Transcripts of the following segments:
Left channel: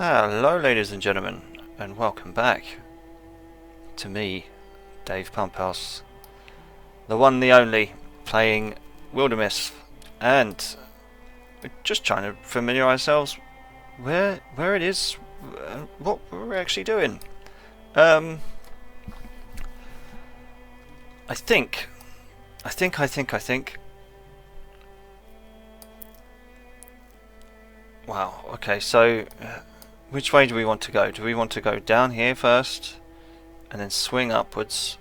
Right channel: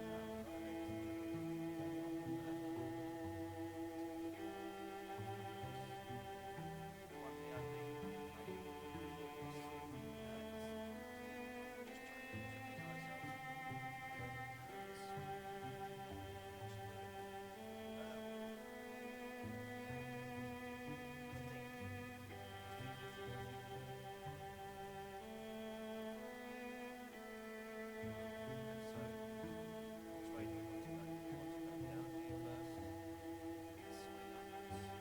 Hello ladies and gentlemen, and welcome back to me, Dave Pumphouse, the one, the only, playing Wildermyth, and we're just trying to familiarise ourselves where it is, what we're actually doing. I think. Wow. Okay. So, which way do we want to go? Do we want to go down here first, and then swing upwards,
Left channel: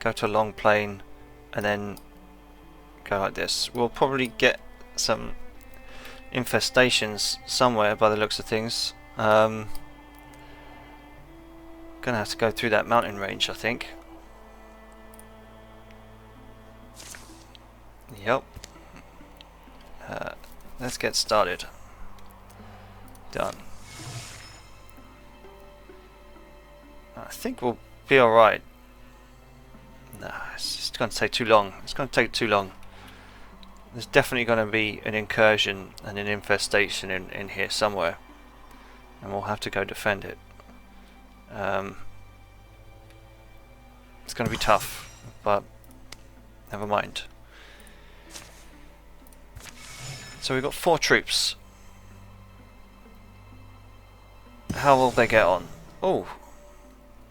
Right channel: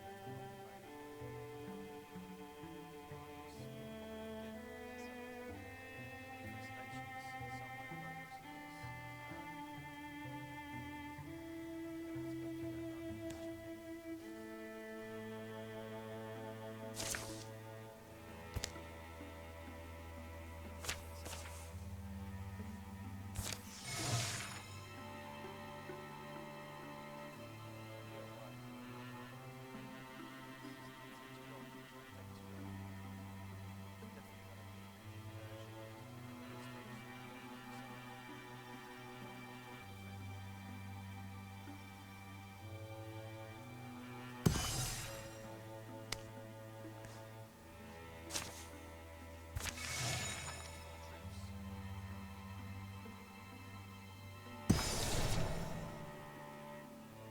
go to a long plane, and then go like this? We'll probably get some infestations somewhere by the looks of things. Gonna have to go through that mountain range, I think. Yep. Let's get started. Done. I think we'll be alright. Nah, it's just going to take too long. It's going to take too long. There's definitely going to be an incursion and an infestation in here somewhere. And we'll have to go defend it. It's going to be tough, but never mind. So we've got 4 troops. How will they get on? Oh,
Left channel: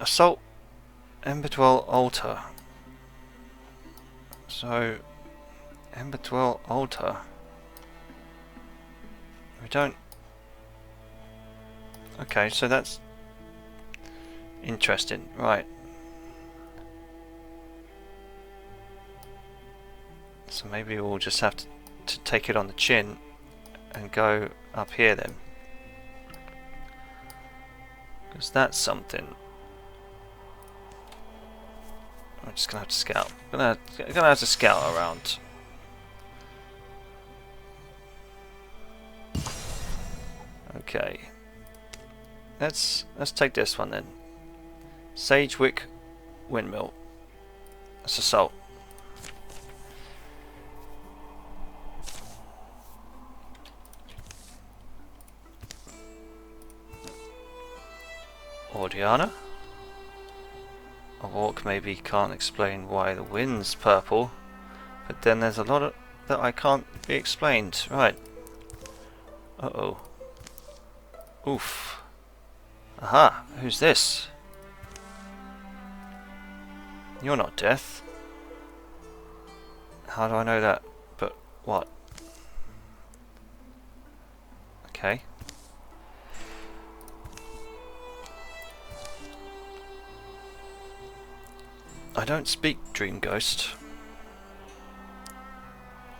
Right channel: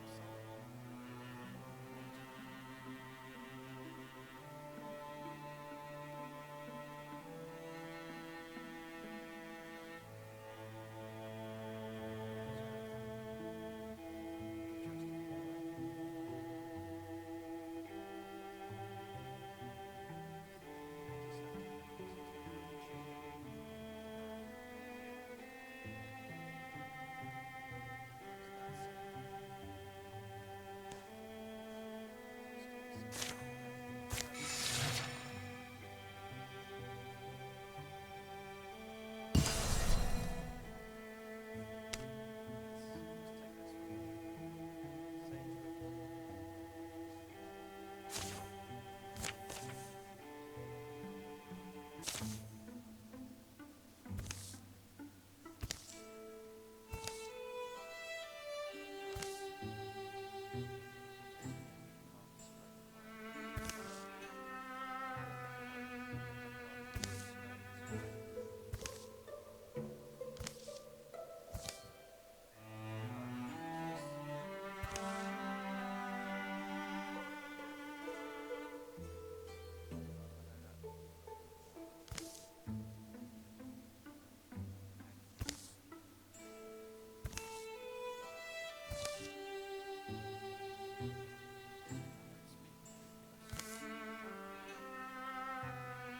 assault Emberdwell altar. So Emberdwell altar. We don't. Okay, so that's interesting. Right. So maybe we'll just have to take it on the chin and go up here then. Because that's something. I'm just gonna have to scout. Gonna have to scout around. Okay. Let's take this one then. Sagewick windmill. Let's assault. Ordiana. A walk maybe can't explain why the wind's purple, but then there's a lot of that I can't be explained. Right. Uh-oh. Oof. Aha, who's this? You're not Death. How do I know that? But what? Okay. I don't speak, Dream Ghost.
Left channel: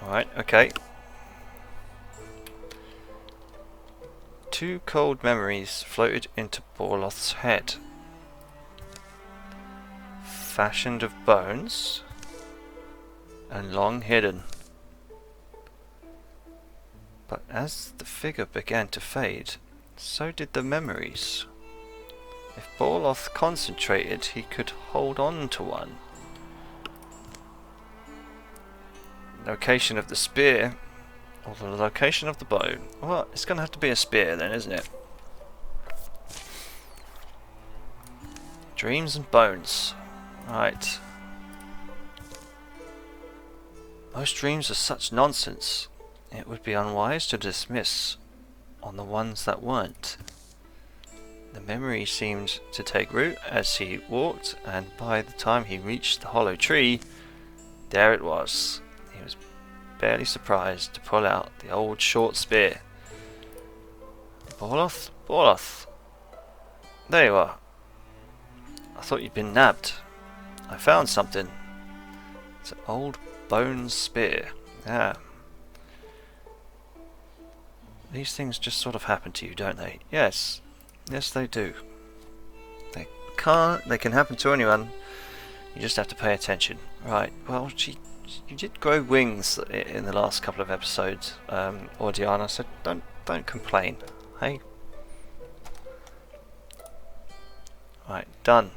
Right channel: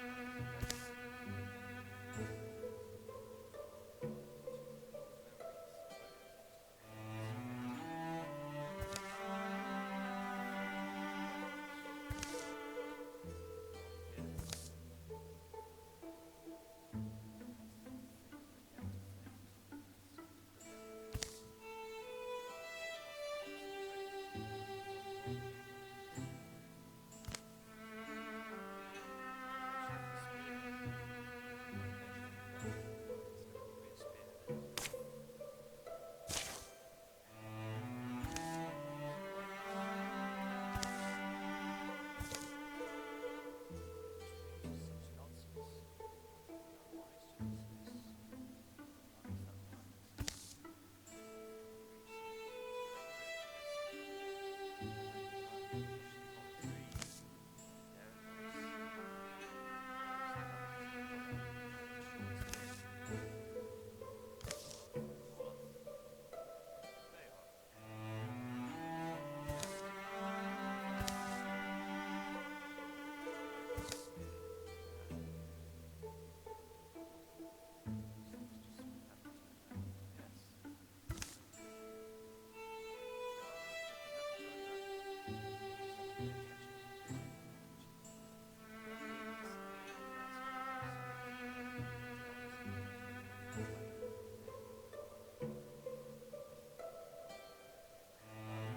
Alright, okay. 2 cold memories floated into Borloth's head. Fashioned of bones and long hidden. But as the figure began to fade, so did the memories. If Borloth concentrated, he could hold on to one. Location of the spear, or the location of the bow. Well, it's going to have to be a spear then, isn't it? Dreams and bones. Right. Most dreams are such nonsense. It would be unwise to dismiss on the ones that weren't. The memory seemed to take root as he walked, and by the time he reached the hollow tree, there it was. He was barely surprised to pull out the old short spear. Borloth? Borloth! There you are. I thought you'd been nabbed. I found something. It's an old bone spear. Yeah. These things just sort of happen to you, don't they? Yes. Yes, they do. They can happen to anyone. You just have to pay attention. Right. Well, you did grow wings in the last couple of episodes, Ordiana. So don't complain. Hey. Right. Done.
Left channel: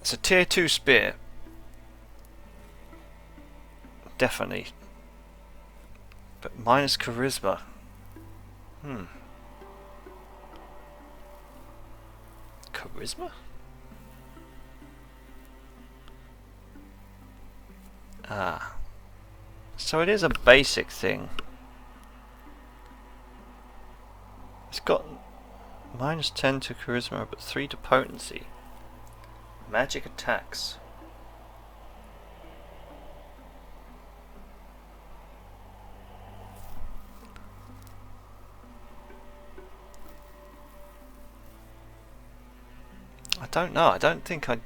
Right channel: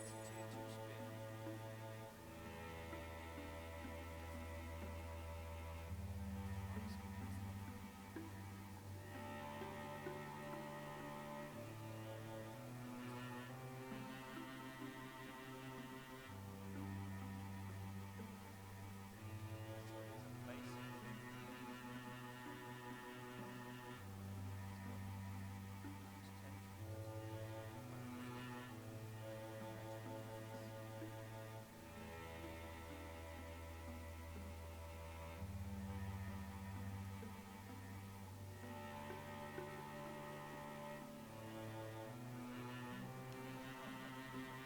It's a tier 2 spear. Definitely. But minus charisma. Charisma? Ah. So it is a basic thing. It's got -10 to charisma, but 3 to potency. Magic attacks. I don't know. I don't think I...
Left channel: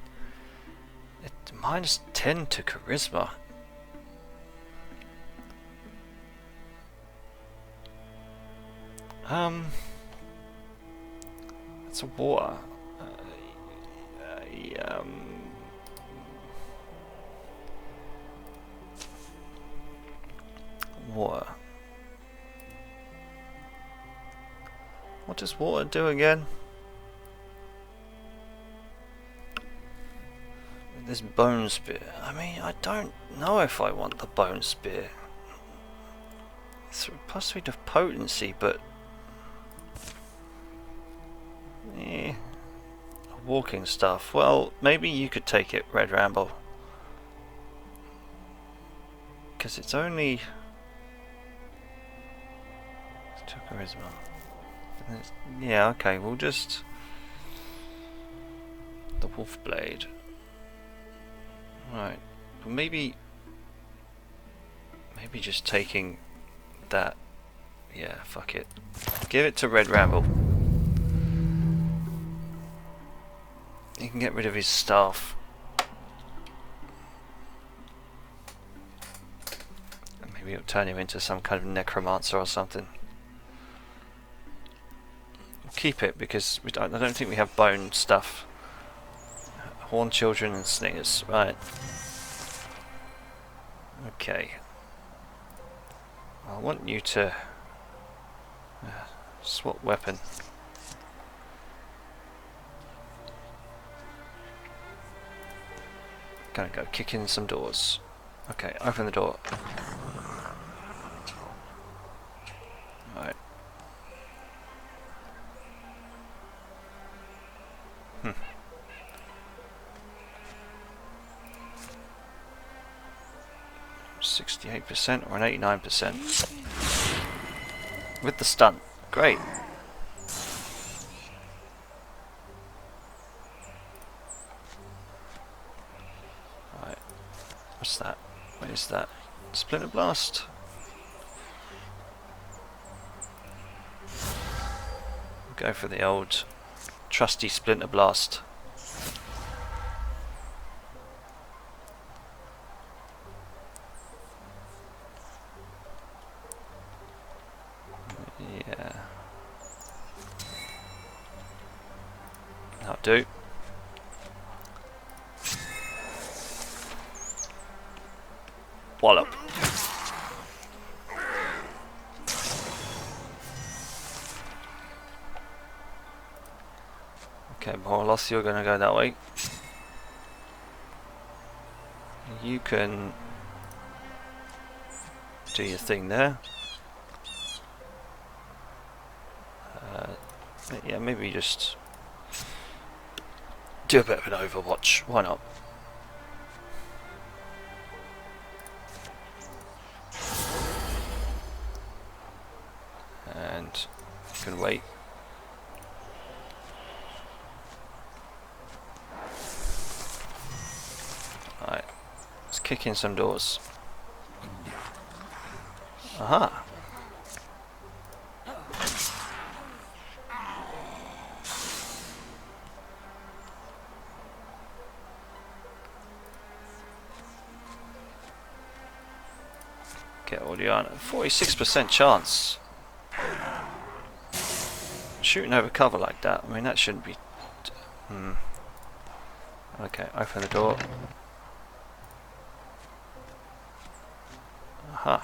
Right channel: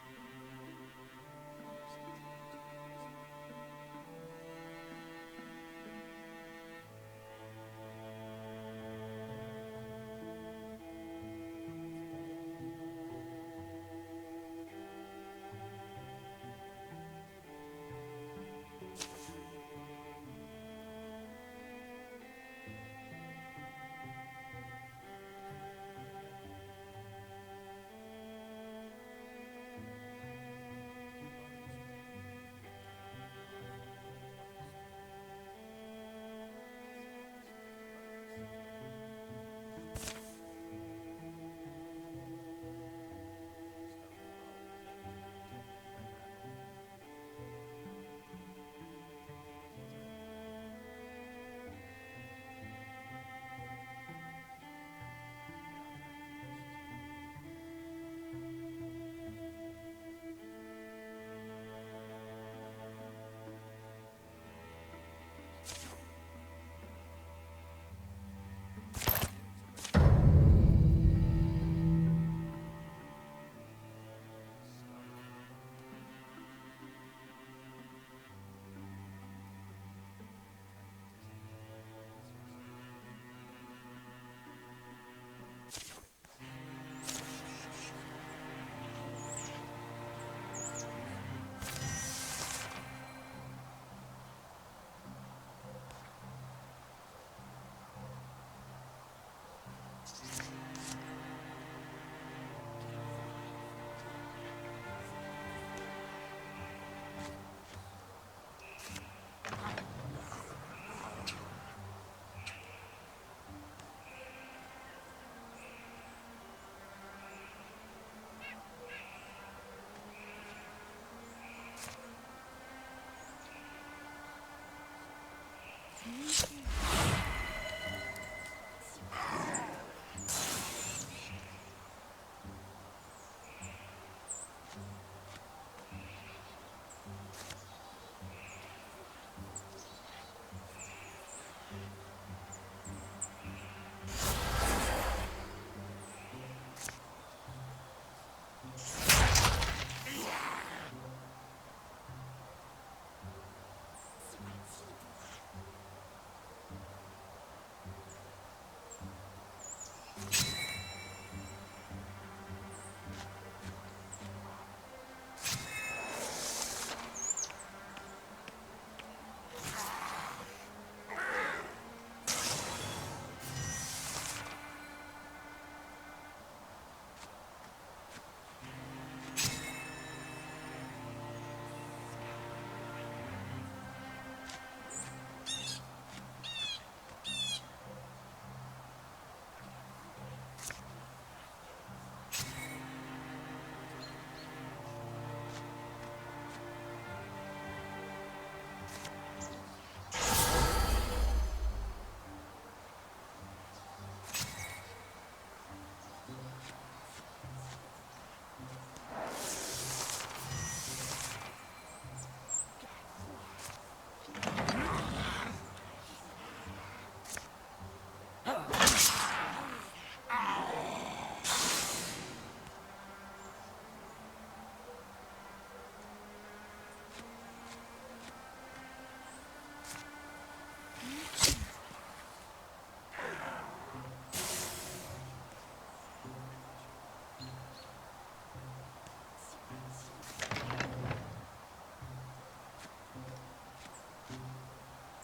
It's -10 to charisma. It's a water. Water. What does water do again? This bone spear. I mean, I don't know if I want the bone spear. It's +3 to potency, but walking stuff. Well, maybe you could take it, Red Ramble, because it's only 2 charisma. Yeah, okay. We'll just the wolf blade. Right. Well, maybe just taking that. Yeah, fuck it. Give it to Red Ramble. He can get rid of his staff. Maybe it'll turn him into some kind of necromancer or something. We'll keep it because I don't think we have bone stuff. Horn children and sningers, right. Okay. I want you to swap weapon. Gonna go kick in some doors. Okay, open the door. Right. 68% or an 89%. With the stun. Great. Right. What's that? What is that? Splinter Blast? Go for the old trusty Splinter Blast. Do. Wallop. Okay, more or less you're gonna go that way. You can do your thing there. Yeah, maybe just do a bit of an Overwatch, why not? And you can wait. Alright, let's kick in some doors. Aha! Get Audiana. 46% chance. Shooting over cover like that. I mean, that shouldn't be. Okay, open the door. Aha.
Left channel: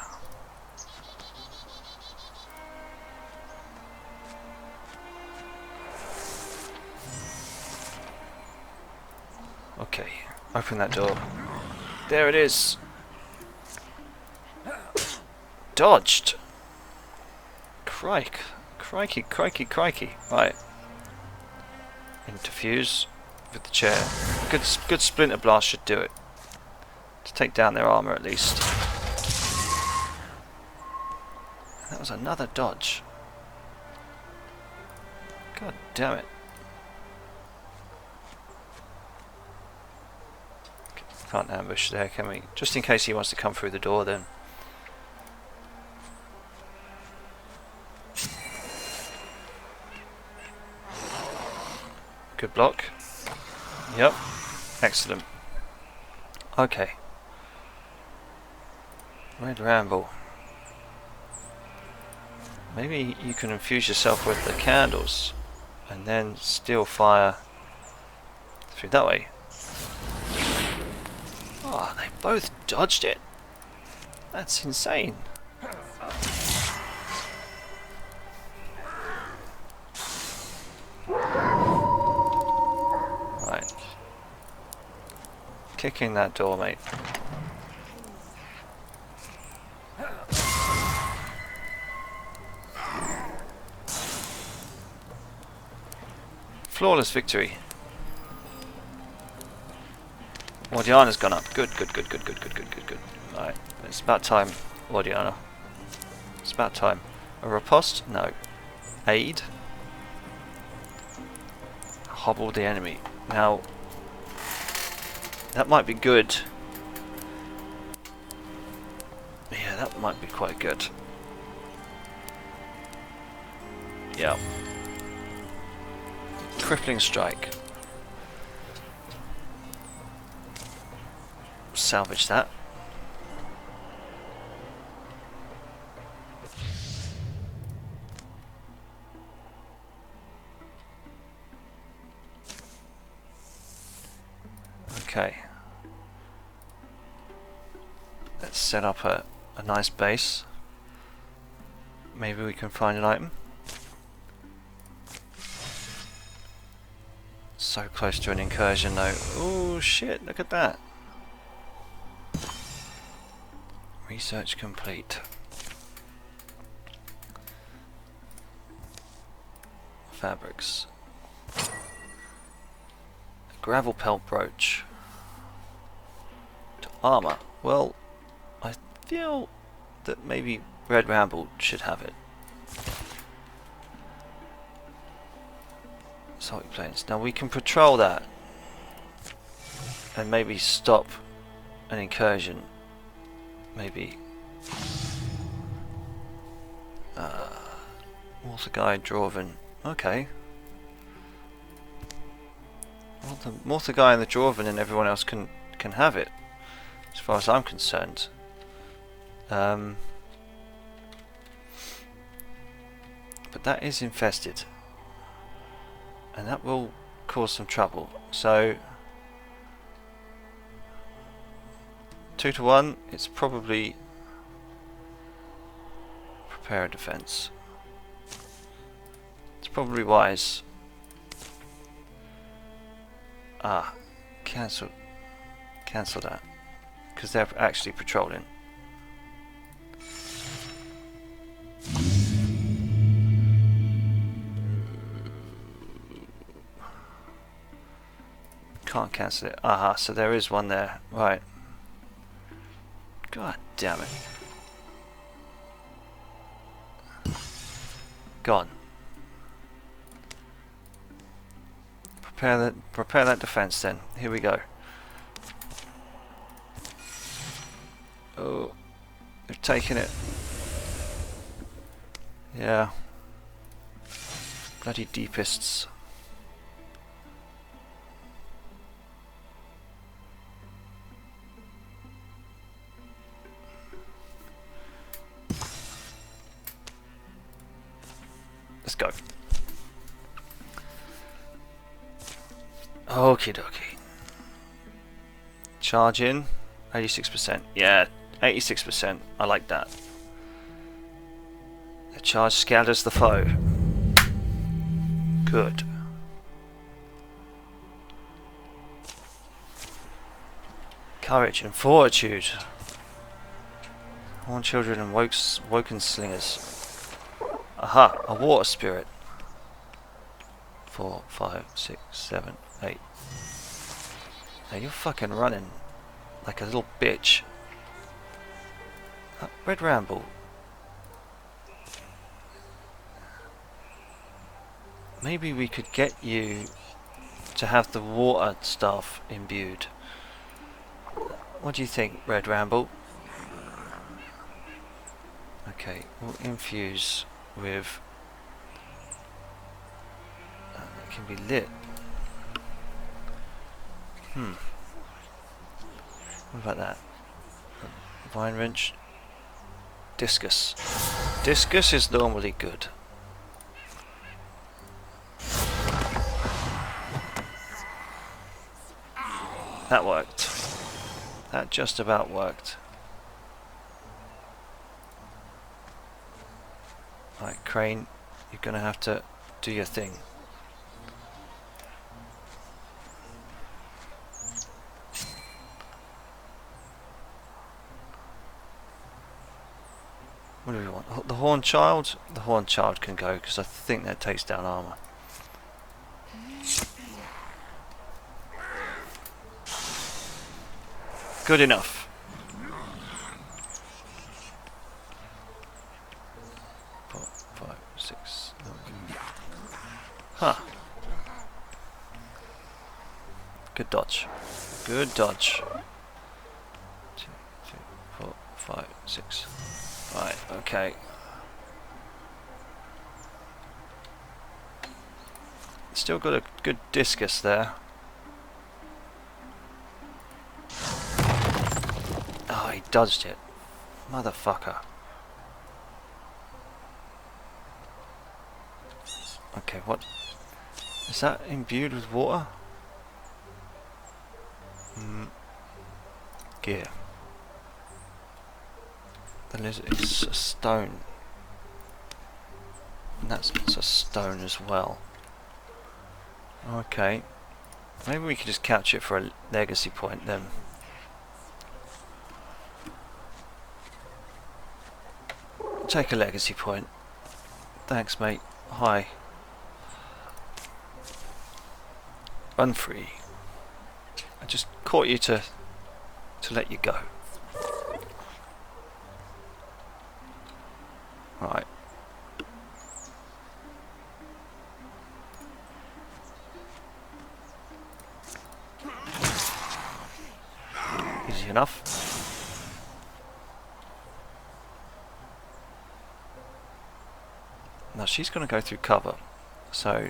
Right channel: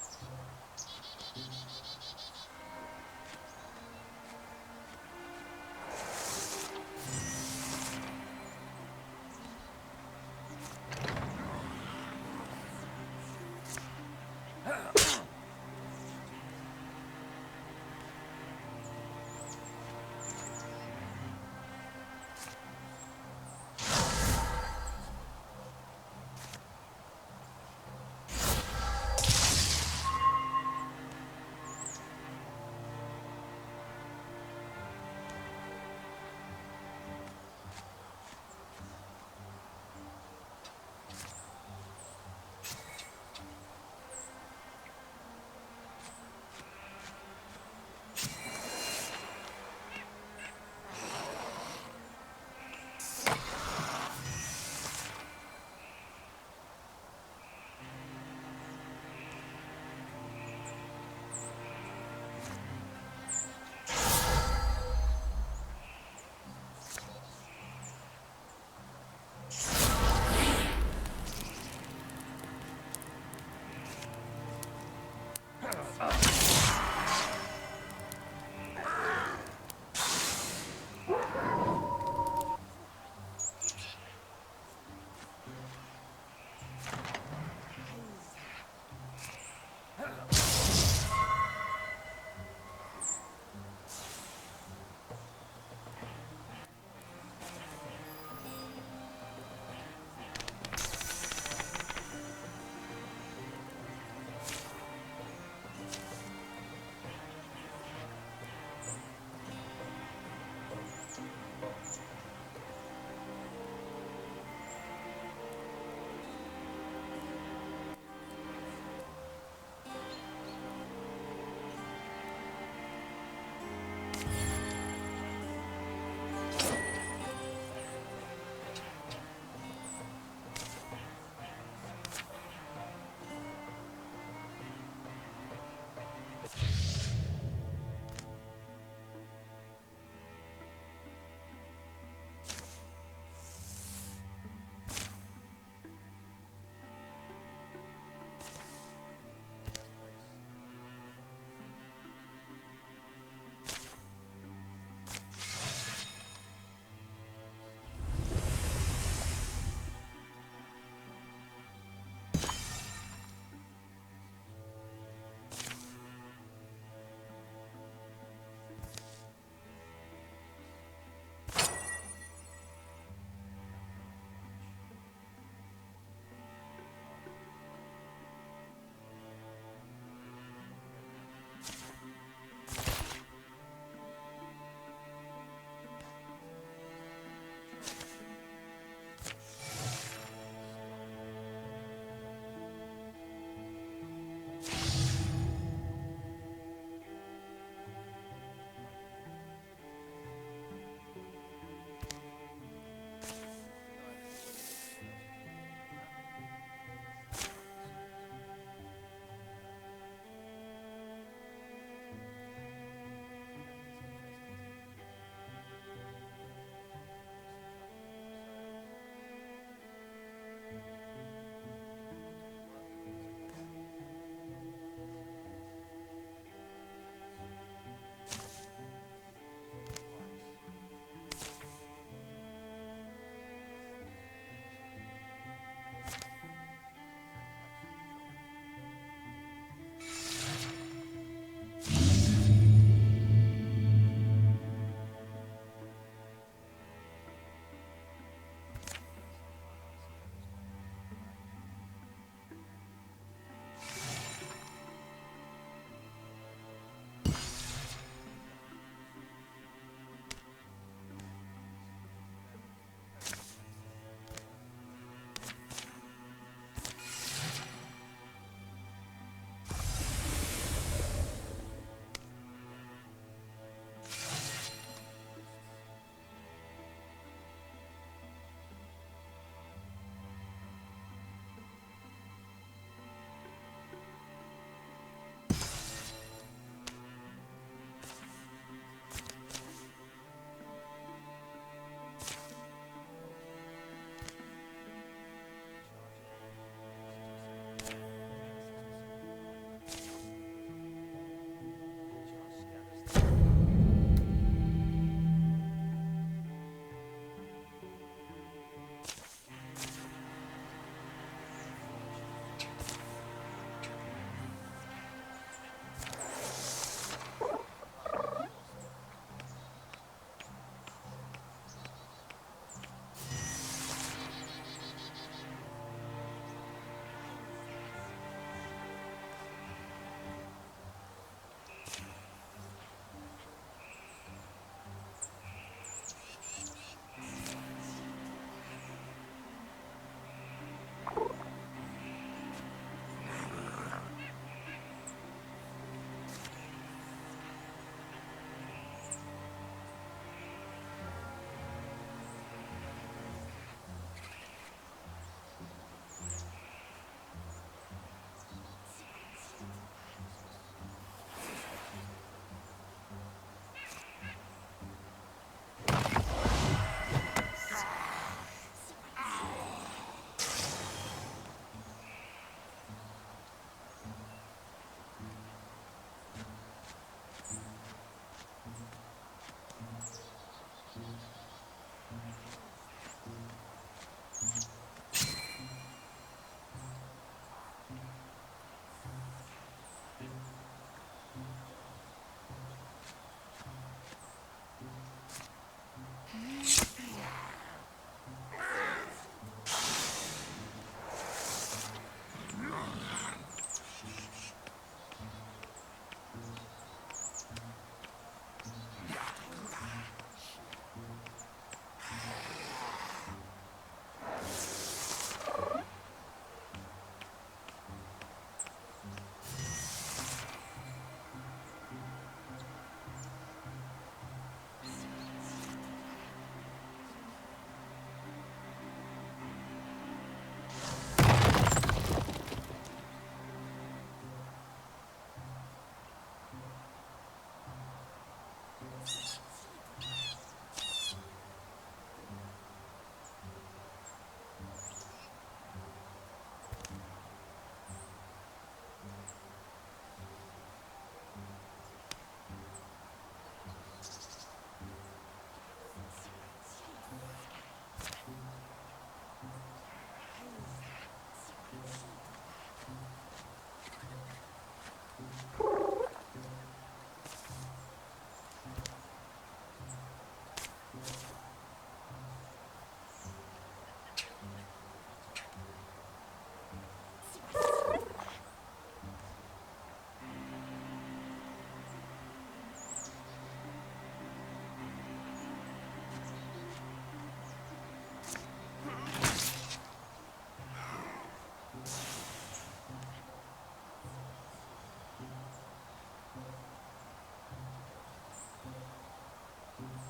Okay, open that door. There it is. Dodged. Crikey, crikey, crikey. Right. Interfuse with the chair. Good splinter blast should do it. To take down their armour at least. That was another dodge. God damn it. Can't ambush there, can we? Just in case he wants to come through the door then. Good block. Yep. Excellent. Okay. Red Ramble. Maybe you can infuse yourself with the candles and then still fire through that way. Oh, they both dodged it. That's insane. Right. Kick in that door, mate. Flawless victory. Wardiana's gone up. Good. Alright, it's about time, Wardiana. It's about time. A riposte? No. Aid? Hobble the enemy. Now, that might be good. Yeah, that might be quite good. Yeah. Crippling strike. Salvage that. Okay. Let's set up a nice base. Maybe we can find an item. So close to an incursion though. Oh shit, look at that. Research complete. Fabrics. Gravel pelt brooch. To armor. Well, I feel that maybe Red Ramble should have it. Salty plains. Now we can patrol that and maybe stop an incursion. Maybe Water Guide, Dwarven. Okay. Water Guy and the Dwarven and everyone else can have it, as far as I'm concerned. But that is infested, and that will cause some trouble. So 2 to 1, it's probably prepare a defense. It's probably wise. Cancel that, because they're actually patrolling. Can't cancel it. Aha, so there is one there. Right. God damn it. Gone. Prepare that defense then. Here we go. Oh, they've taken it. Yeah. Bloody deepists. Let's go. Okie dokie. Charge in. 86%. Yeah, 86%. I like that. The charge scatters the foe. Good. Courage and fortitude. Horn children and woken slingers. Aha, a water spirit. 4, 5, 6, 7, 8. Now you're fucking running like a little bitch. Red Ramble. Maybe we could get you to have the water stuff imbued. What do you think, Red Ramble? Okay, we'll infuse with... It can be lit. What about that? Vine wrench. Discus. Discus is normally good. That worked. That just about worked. Right, Crane, you're gonna have to do your thing. What do we want? The Horned Child? The Horned Child can go because I think that takes down armor. Good enough. 4, 5, 6. Huh. Good dodge. Good dodge. 2, 3, 4, 5, 6. Right, okay. Still got a good discus there. Oh, he dodged it. Motherfucker. Okay, what? Is that imbued with water? Gear. Then it's a stone. And that's a stone as well. Okay. Maybe we could just catch it for a legacy point then. Take a legacy point. Thanks, mate. Hi. Run free. I just caught you to let you go. Right. Easy enough. Now she's going to go through cover, so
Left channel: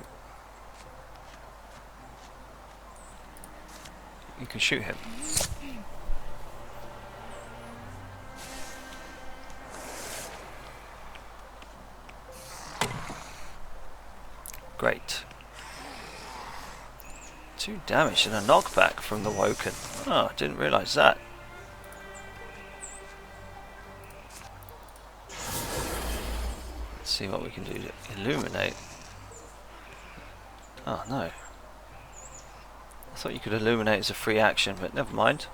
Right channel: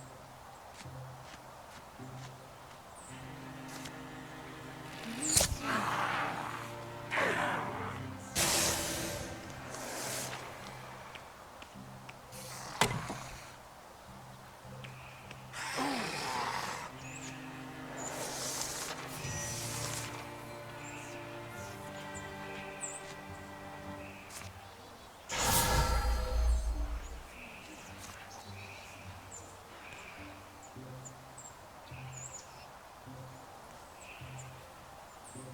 you can shoot him. Great. 2 damage and a knockback from the Woken. Oh, didn't realise that. Let's see what we can do to illuminate. Oh no. I thought you could illuminate as a free action, but never mind.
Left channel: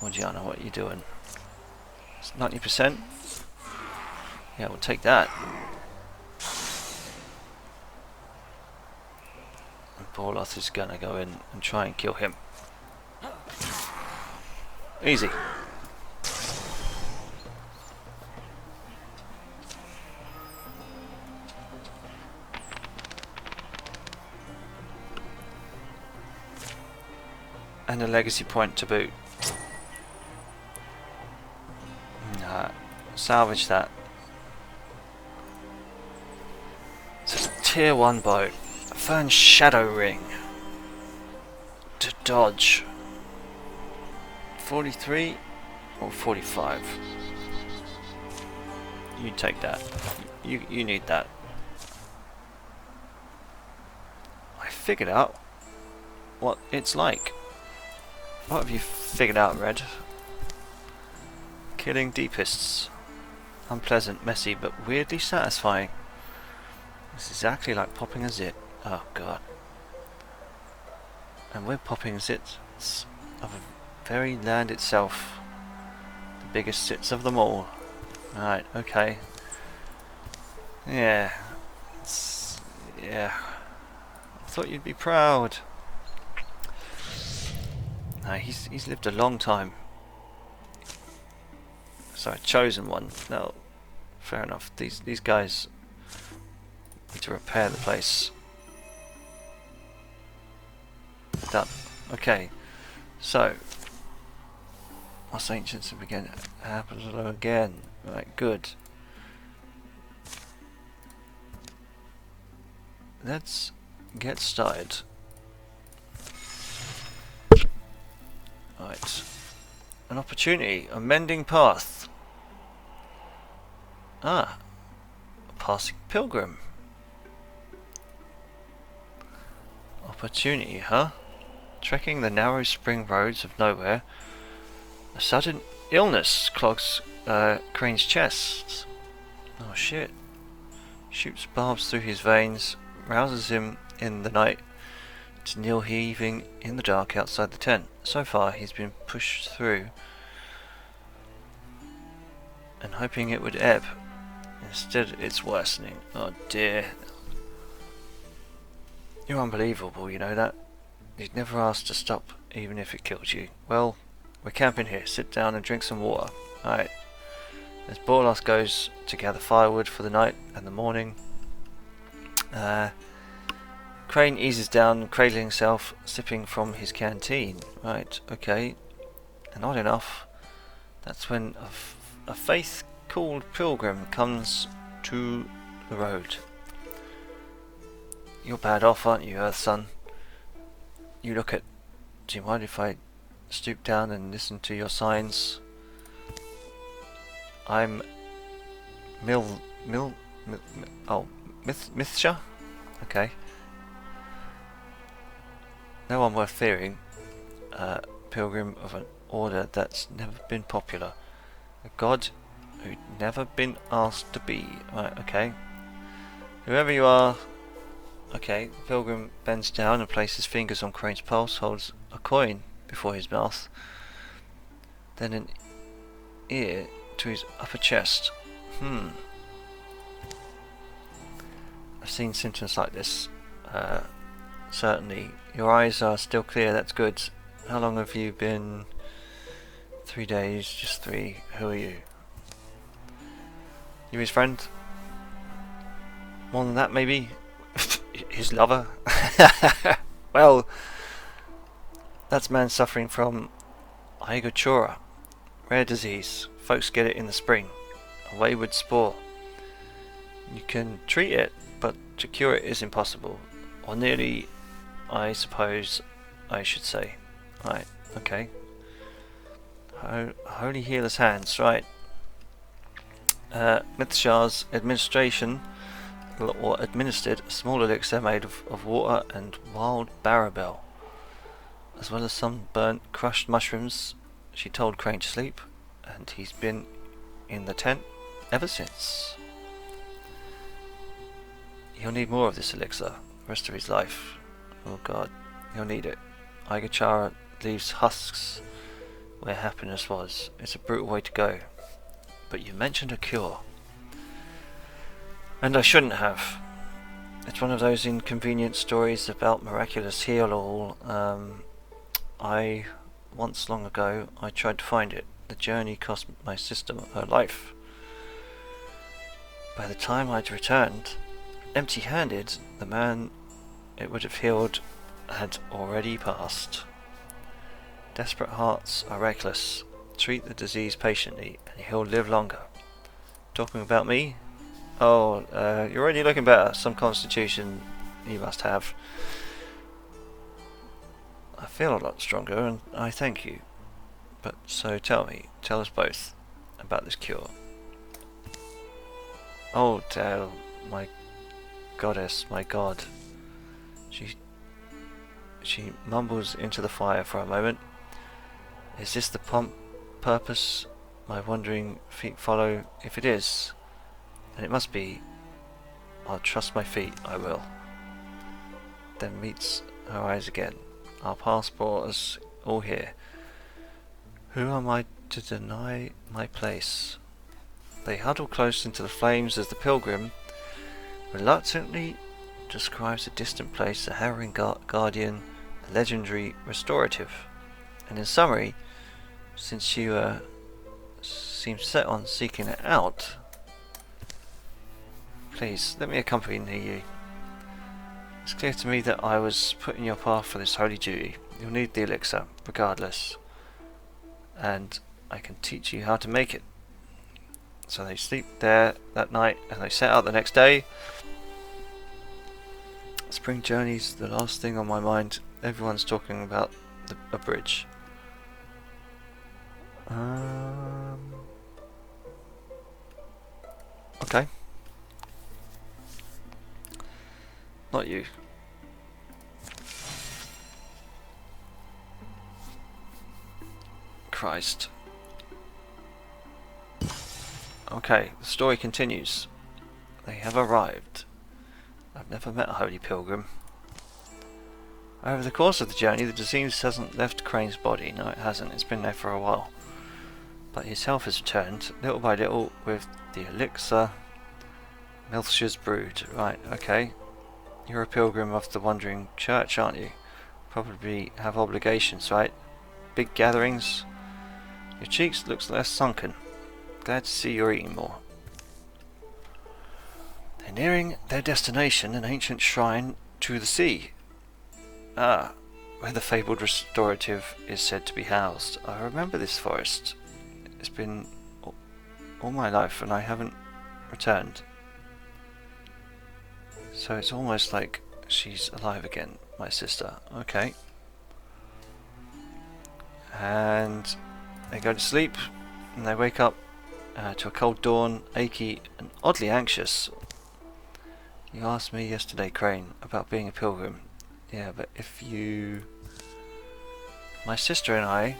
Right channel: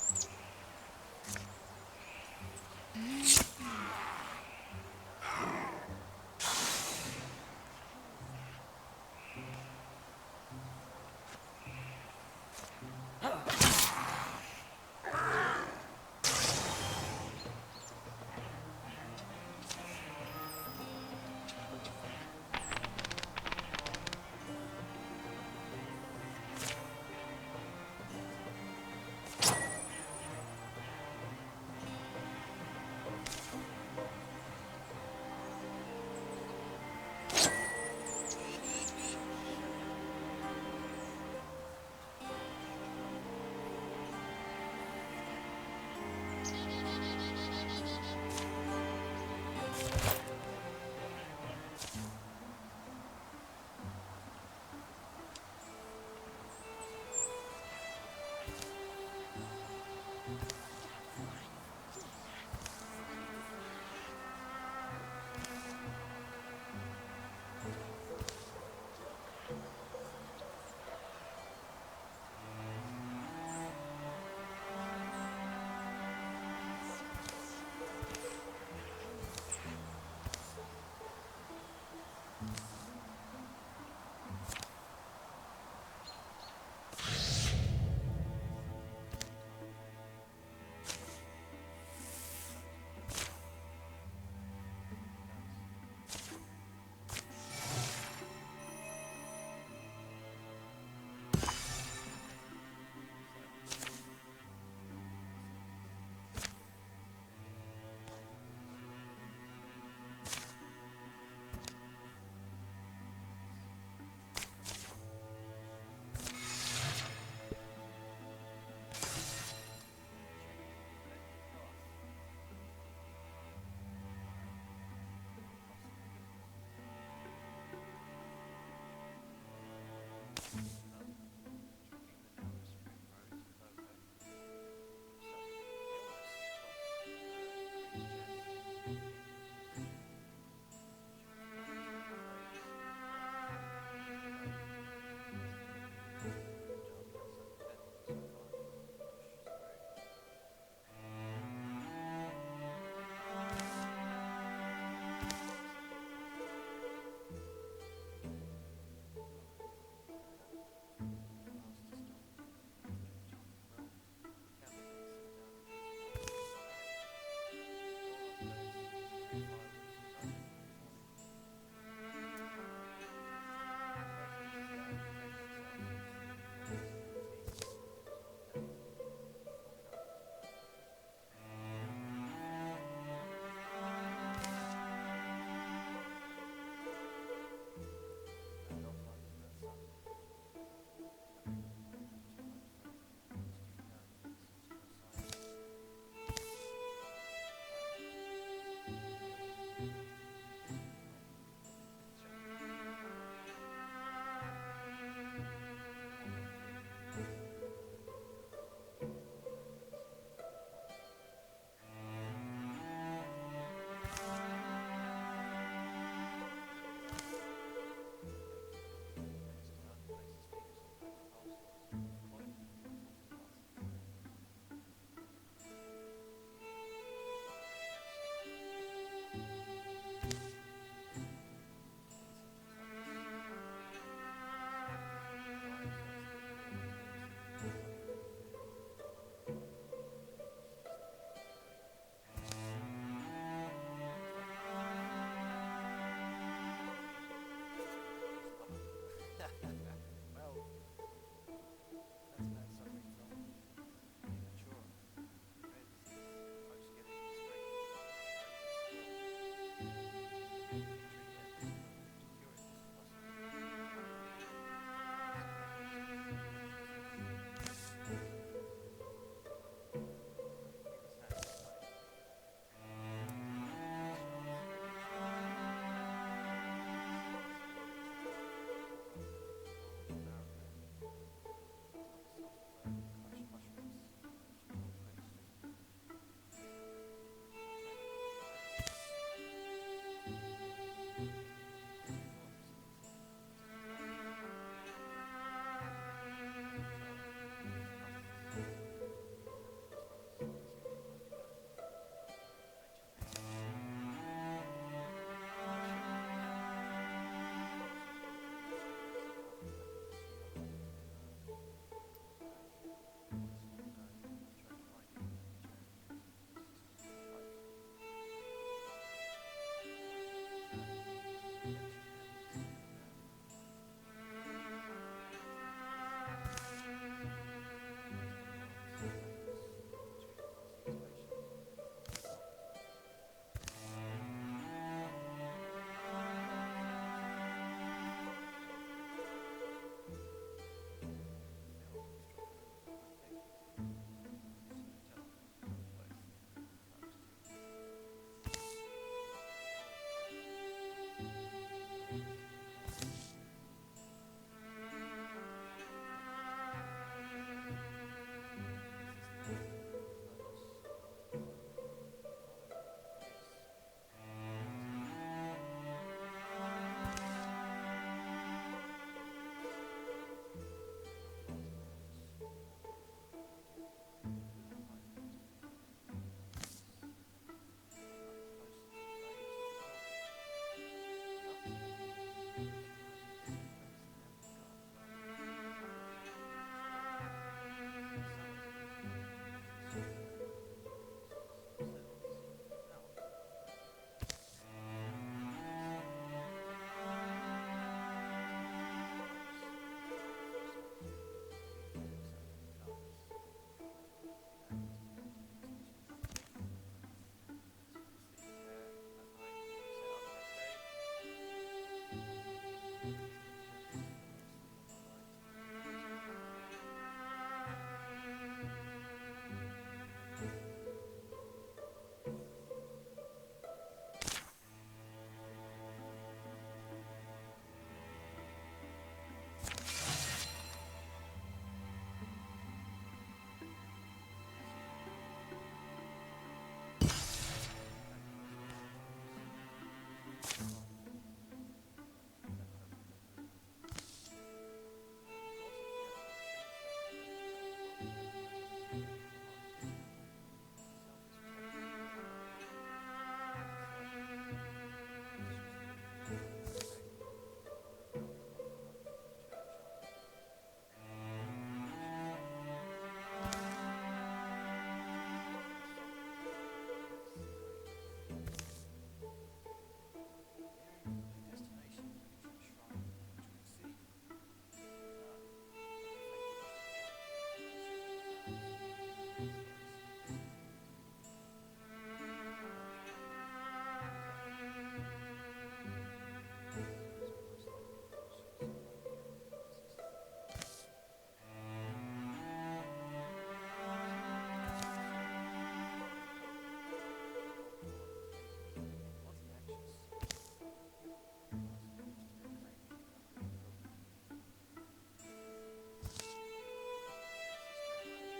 Morgiana, what are you doing? It's 90%? Yeah, we'll take that. Borloth is gonna go in and try and kill him. Easy. And a legacy point to boot. Nah, salvage that. It's a tier 1 boat. Fern Shadow Ring. To dodge. 43 or 45. You take that. You need that. I figured out what it's like. What have you figured out, Red? Killing deepists. Unpleasant, messy, but weirdly satisfying. It's exactly like popping a zit. Oh god. And we're popping zits of the very land itself. The biggest zits of them all. Alright, okay. Yeah. Yeah. Thought you'd be proud. No, he's lived a long time. Sorry, chosen one. No, fair enough. These guys need to repair the place. Done. Okay. So, us ancients have begun to happen again. Right, good. Let's get started. Right. An opportunity. A mending path. Ah. A passing pilgrim. Opportunity, huh? Trekking the narrow spring roads of nowhere. A sudden illness clogs Crane's chest. Oh shit. Shoots barbs through his veins, rouses him in the night to kneel heaving in the dark outside the tent. So far he's been pushed through and hoping it would ebb. Instead it's worsening. Oh dear. You're unbelievable, you know that? You'd never ask to stop even if it killed you. Well, we're camping here. Sit down and drink some water. Alright. As Borlos goes to gather firewood for the night and the morning, Crane eases down, cradling himself, sipping from his canteen. Right, okay. And odd enough, that's when a faith-called pilgrim comes to the road. You're bad off, aren't you, Earth Son? You look at... Do you mind if I stoop down and listen to your signs? I'm... Mithsha? Okay. No one worth fearing. Pilgrim of an order that's never been popular. A god who'd never been asked to be. Right, okay. Whoever you are... Okay, the pilgrim bends down and places fingers on Crane's pulse, holds a coin before his mouth, then an ear to his upper chest. I've seen symptoms like this. Certainly. Your eyes are still clear, that's good. How long have you been? 3 days, just 3. Who are you? You his friend? More than that, maybe? His lover? Well, that's man suffering from Igachora, rare disease. Folks get it in the spring. A wayward spore. You can treat it, but to cure it is impossible. Or nearly, I suppose I should say. Right, okay. Holy healer's hands, right. Mithsha's administration or administered a small elixir made of water and wild barabel, as well as some burnt crushed mushrooms. She told Crane to sleep, and he's been in the tent ever since. He'll need more of this elixir the rest of his life. Oh god, he'll need it. Igachara leaves husks where happiness was. It's a brutal way to go. But you mentioned a cure. And I shouldn't have. It's one of those inconvenient stories about miraculous heal-all. Once long ago, I tried to find it. The journey cost my sister her life. By the time I'd returned, empty-handed, the man it would have healed had already passed. Desperate hearts are reckless. Treat the disease patiently, and he'll live longer. Talking about me? Oh, you're already looking better. Some constitution you must have. I feel a lot stronger, and I thank you. But so tell us both about this cure. Oh, my goddess, my god. She mumbles into the fire for a moment. Is this the purpose my wandering feet follow? If it is, and it must be, I'll trust my feet, I will. Then meets her eyes again. Our paths brought us all here. Who am I to deny my place? They huddle close into the flames as the pilgrim reluctantly describes a distant place, a harrowing guardian, a legendary restorative. And in summary, since you seem set on seeking it out, please let me accompany you. It's clear to me that I was put in your path for this holy duty. You'll need the elixir, regardless, and I can teach you how to make it. So they sleep there that night and they set out the next day. Spring journey's the last thing on my mind. Everyone's talking about a bridge. Okay. Not you. Christ. Okay, the story continues. They have arrived. I've never met a holy pilgrim. Over the course of the journey, the disease hasn't left Crane's body. No, it hasn't. It's been there for a while. But his health has returned, little by little, with the elixir Milsha's brood. Right, okay. You're a pilgrim of the Wandering Church, aren't you? Probably have obligations, right? Big gatherings. Your cheeks looks less sunken. Glad to see you're eating more. They're nearing their destination, an ancient shrine to the sea. Ah, where the fabled restorative is said to be housed. I remember this forest. It's been all my life and I haven't returned. So it's almost like she's alive again, my sister. Okay. And they go to sleep and they wake up to a cold dawn, achy and oddly anxious. You asked me yesterday, Crane, about being a pilgrim. Yeah, but if you... My sister and I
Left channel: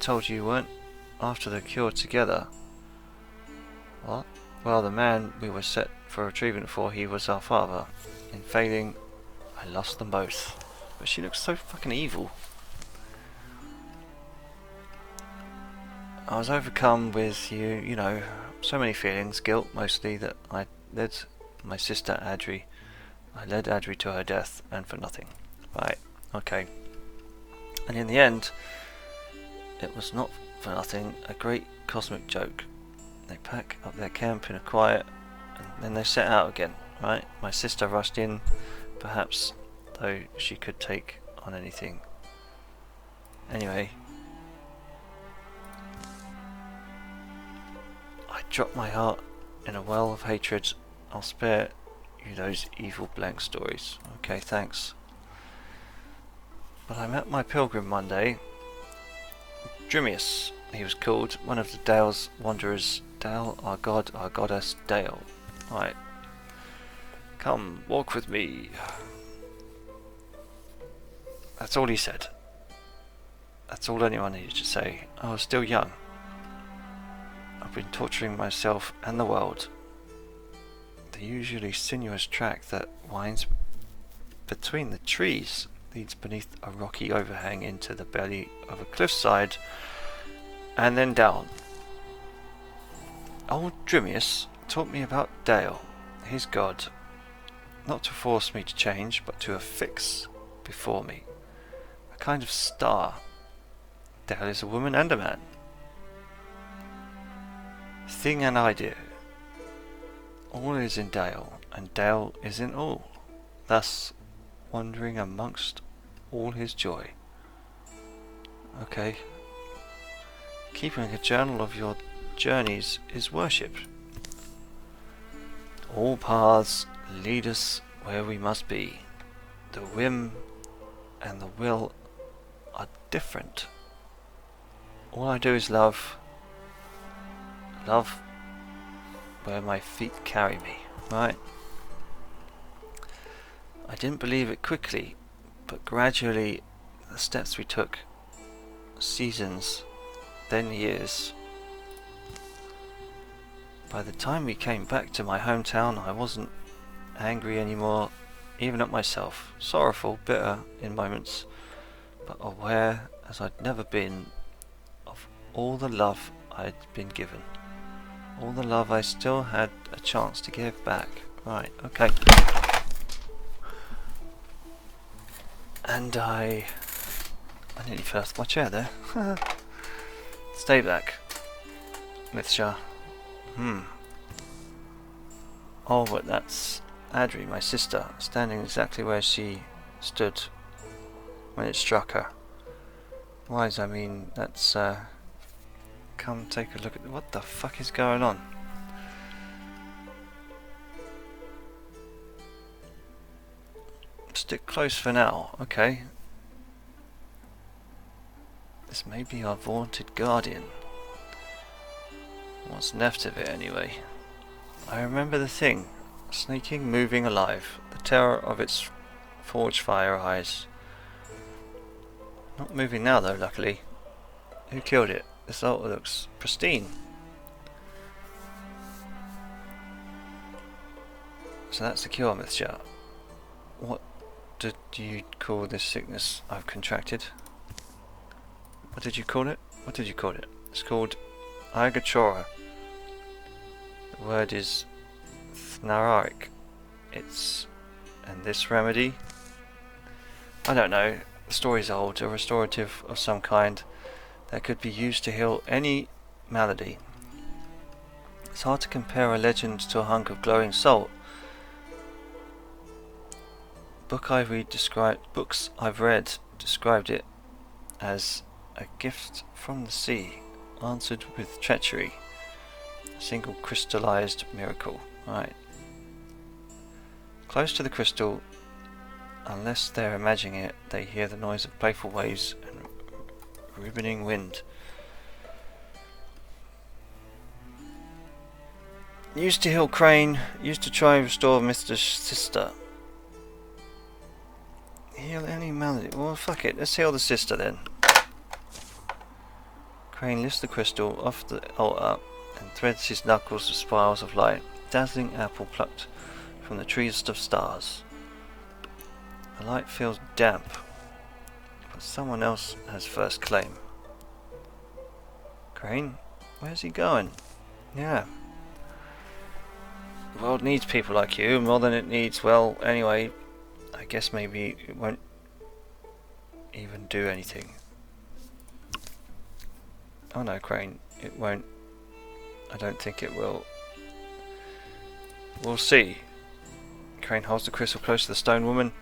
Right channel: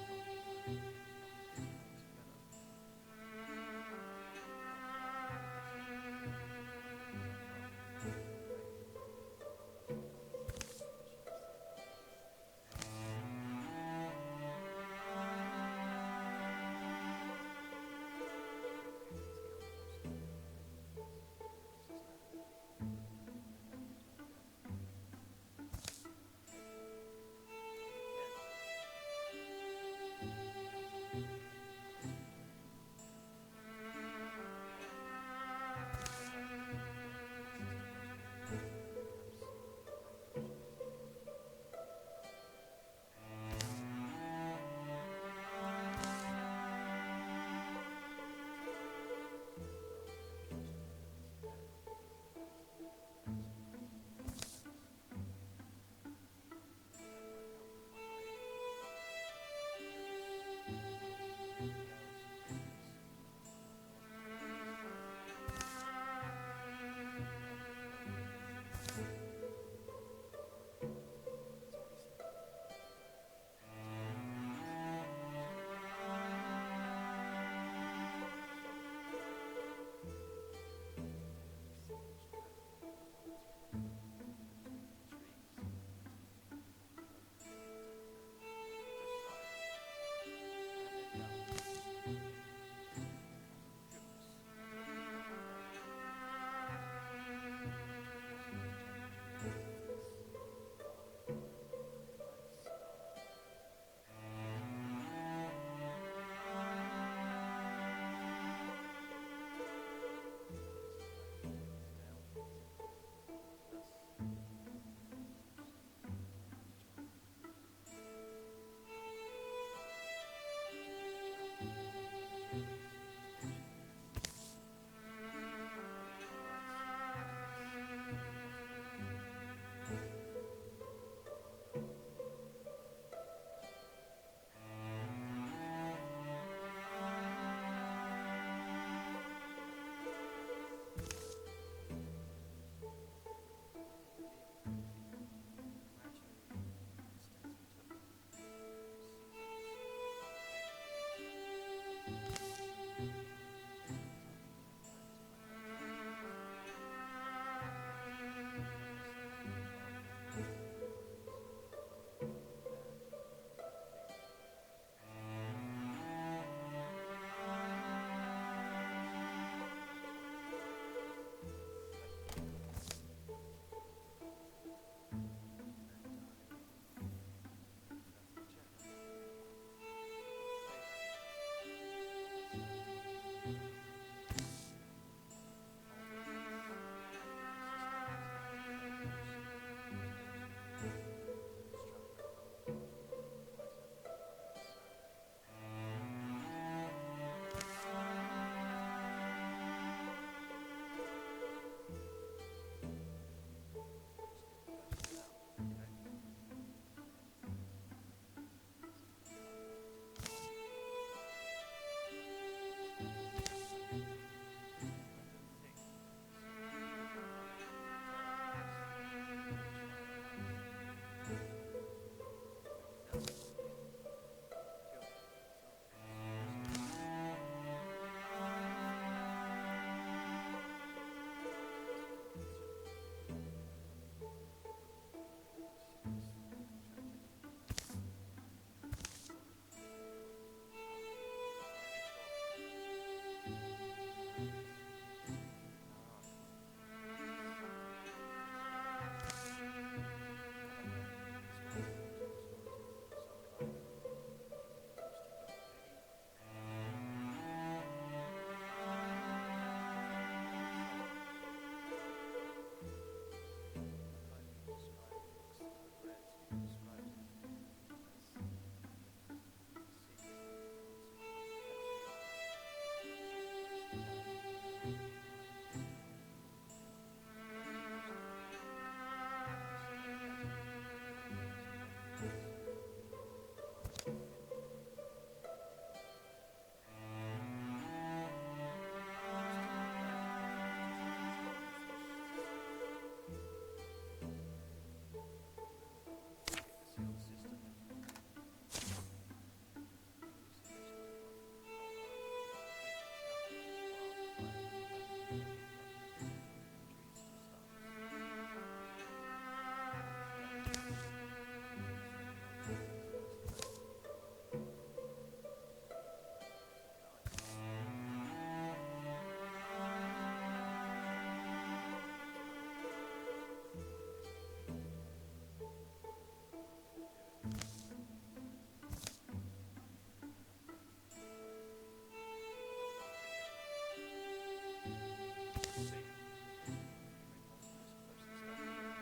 told you weren't after the cure together. What? Well, the man we were set for retrieving for, he was our father. In failing, I lost them both. But she looks so fucking evil. I was overcome with you know, so many feelings, guilt mostly, that I led my sister Adri. I led Adri to her death, and for nothing. Right, okay. And in the end, it was not for nothing, a great cosmic joke. They pack up their camp in a quiet, and then they set out again, right? My sister rushed in, perhaps, though she could take on anything. Anyway, I dropped my heart in a well of hatred. I'll spare you those evil blank stories. Okay, thanks. But I met my pilgrim one day. Drimius, he was called, one of the Dale's wanderers. Dale, our god, our goddess, Dale. Right. Come, walk with me. That's all he said. That's all anyone needed to say. I was still young. I've been torturing myself and the world. The usually sinuous track that winds between the trees leads beneath a rocky overhang into the belly of a cliffside and then down. Old Drimius taught me about Dale, his god, not to force me to change, but to affix before me, a kind of star. Dale is a woman and a man, thing and idea. All is in Dale, and Dale is in all, thus wandering amongst all his joy. Okay. Keeping a journal of your journeys is worship. All paths lead us where we must be. The whim and the will are different. All I do is love. Love where my feet carry me, right? I didn't believe it quickly, but gradually the steps we took, seasons, then years. By the time we came back to my hometown, I wasn't angry anymore, even at myself, sorrowful, bitter in moments, but aware as I'd never been of all the love I'd been given, all the love I still had a chance to give back, Right, okay. And I nearly fell off my chair there. Stay back, Mithsha. Oh, but that's Adri, my sister, standing exactly where she stood when it struck her. Wise, I mean, that's, come take a look at what the fuck is going on. Stick close for now, okay? This may be our vaunted guardian. What's left of it, anyway. I remember the thing. Snaking, moving, alive. The terror of its forge fire eyes. Not moving now, though, luckily. Who killed it? This altar looks pristine. So that's the cure, Mithsha. What did you call this sickness I've contracted? What did you call it? What did you call it? It's called Igachora. The word is Thnararic. And this remedy? I don't know. The story's old. A restorative of some kind that could be used to heal any malady. It's hard to compare a legend to a hunk of glowing salt. Books I've read described it as a gift from the sea, answered with treachery. A single crystallized miracle. Right. Close to the crystal, unless they're imagining it, they hear the noise of playful waves and ribboning wind. Used to heal Crane, used to try and restore Mr. Sister. Heal any malady. Well, fuck it, let's heal the sister then. Crane lifts the crystal off the altar and threads his knuckles with spirals of light. Dazzling apple plucked from the trees of stars. The light feels damp, but someone else has first claim. Crane, where's he going? Yeah. The world needs people like you more than it needs, well, anyway, I guess maybe it won't even do anything. Oh no, Crane, it won't. I don't think it will. We'll see. Crane holds the crystal close to the stone woman.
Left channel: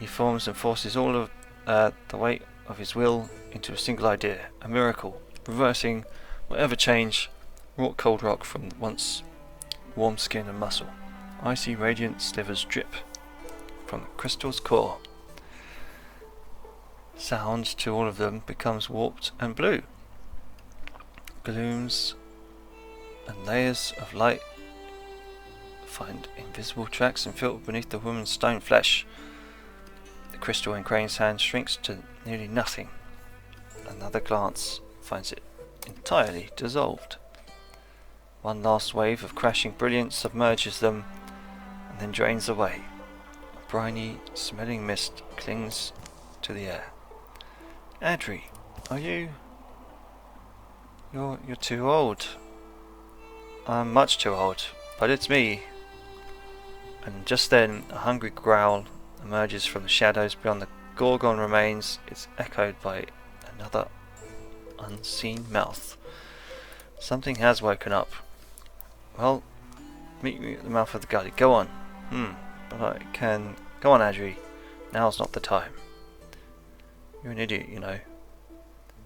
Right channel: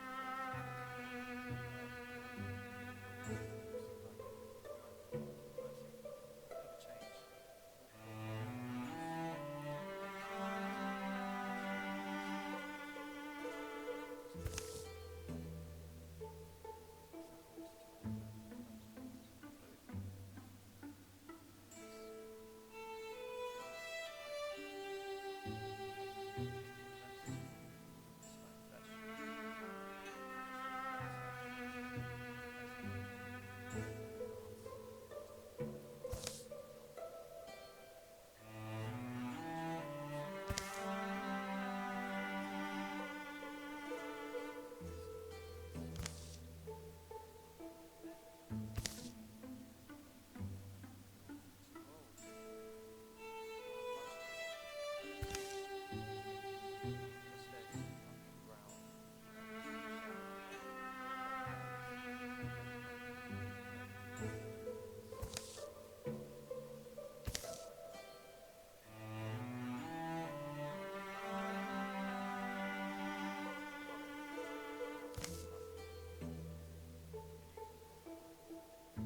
He forms and forces all of the weight of his will into a single idea. A miracle, reversing whatever change wrought cold rock from once warm skin and muscle. Icy radiant slivers drip from the crystal's core. Sound to all of them becomes warped and blue. Glooms and layers of light find invisible tracks and filter beneath the woman's stone flesh. The crystal in Crane's hand shrinks to nearly nothing. Another glance finds it entirely dissolved. One last wave of crashing brilliance submerges them and then drains away. A briny, smelling mist clings to the air. Adri, are you... You're too old. I'm much too old, but it's me. And just then, a hungry growl emerges from the shadows beyond the Gorgon remains. It's echoed by another unseen mouth. Something has woken up. Well, meet me at the mouth of the gully. Go on. But I can... Go on, Adri. Now's not the time. You're an idiot, you know.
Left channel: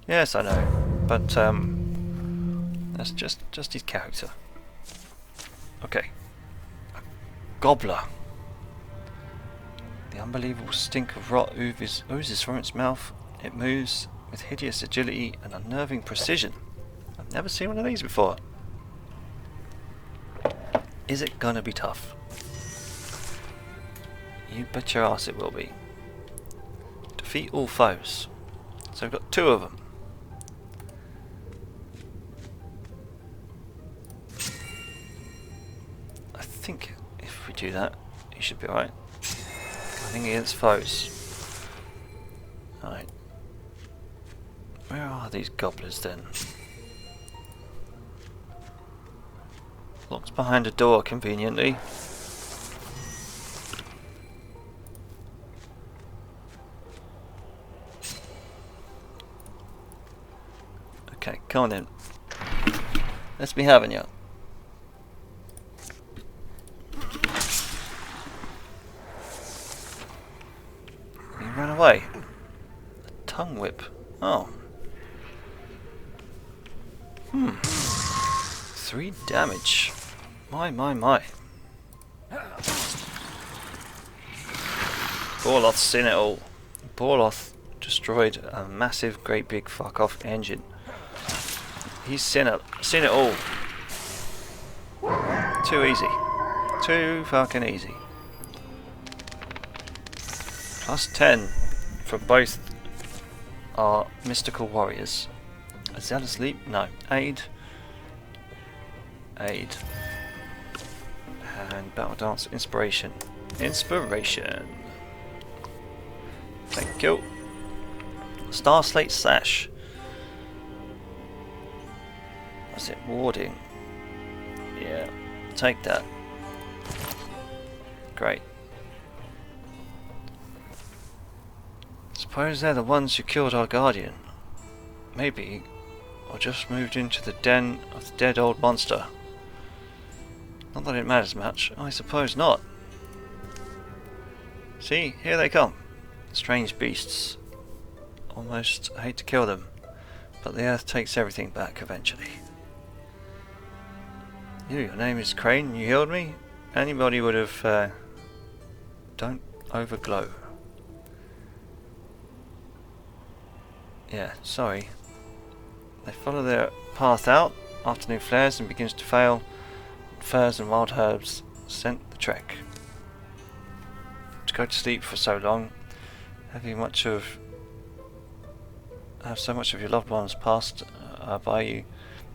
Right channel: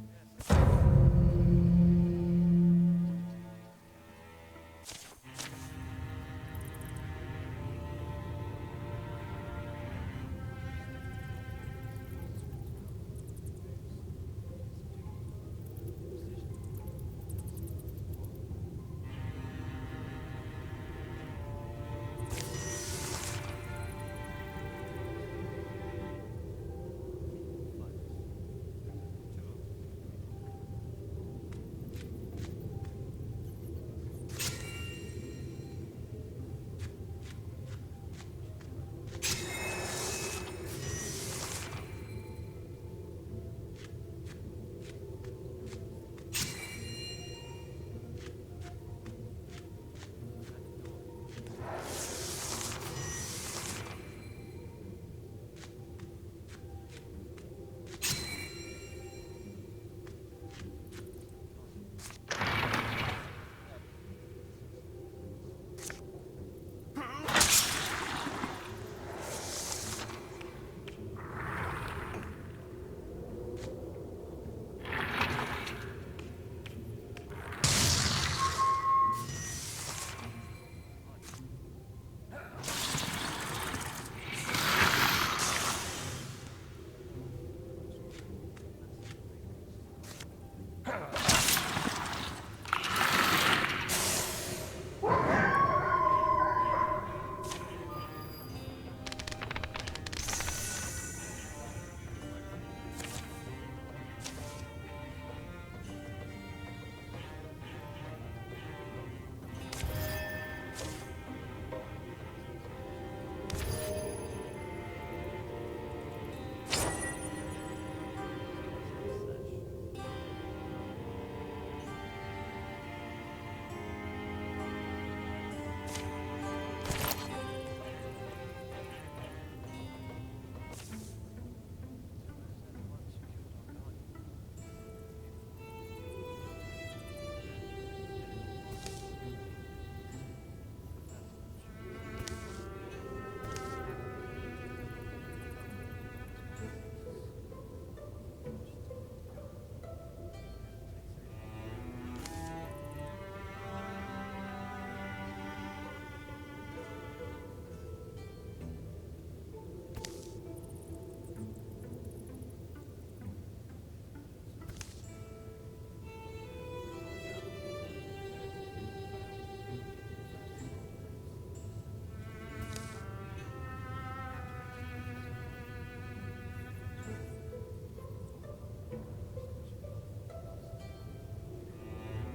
Yes, I know. But, that's just his character. Okay. Gobbler. The unbelievable stink of rot oozes from its mouth. It moves with hideous agility and unnerving precision. I've never seen one of these before. Is it gonna be tough? You bet your ass it will be. Defeat all foes. So we've got 2 of them. I think if we do that, he should be alright. Fighting against foes. Alright. Where are these gobblers then? Locked behind a door, conveniently. Come on then. Let's be having you. He ran away. A tongue whip. Oh. 3 damage. My. Borloth's seen it all. Borloth destroyed a massive, great big fuck off engine. He's seen it all. Too easy. Too fucking easy. +10 for both our mystical warriors. Is that asleep? No. Aid. And battle dance. Inspiration. Thank you. Star Slate Sash. What's it? Warding. Yeah. Take that. Great. Suppose they're the ones who killed our guardian. Maybe I just moved into the den of the dead old monster. Not that it matters much. I suppose not. See, here they come. Strange beasts. Almost hate to kill them, but the earth takes everything back eventually. Your name is Crane, you healed me? Anybody would have... don't overglow. Yeah, sorry. They follow their path out, afternoon flares and begins to fail. Furs and wild herbs scent the trek. To go to sleep for so long, having have so much of your loved ones passed by you,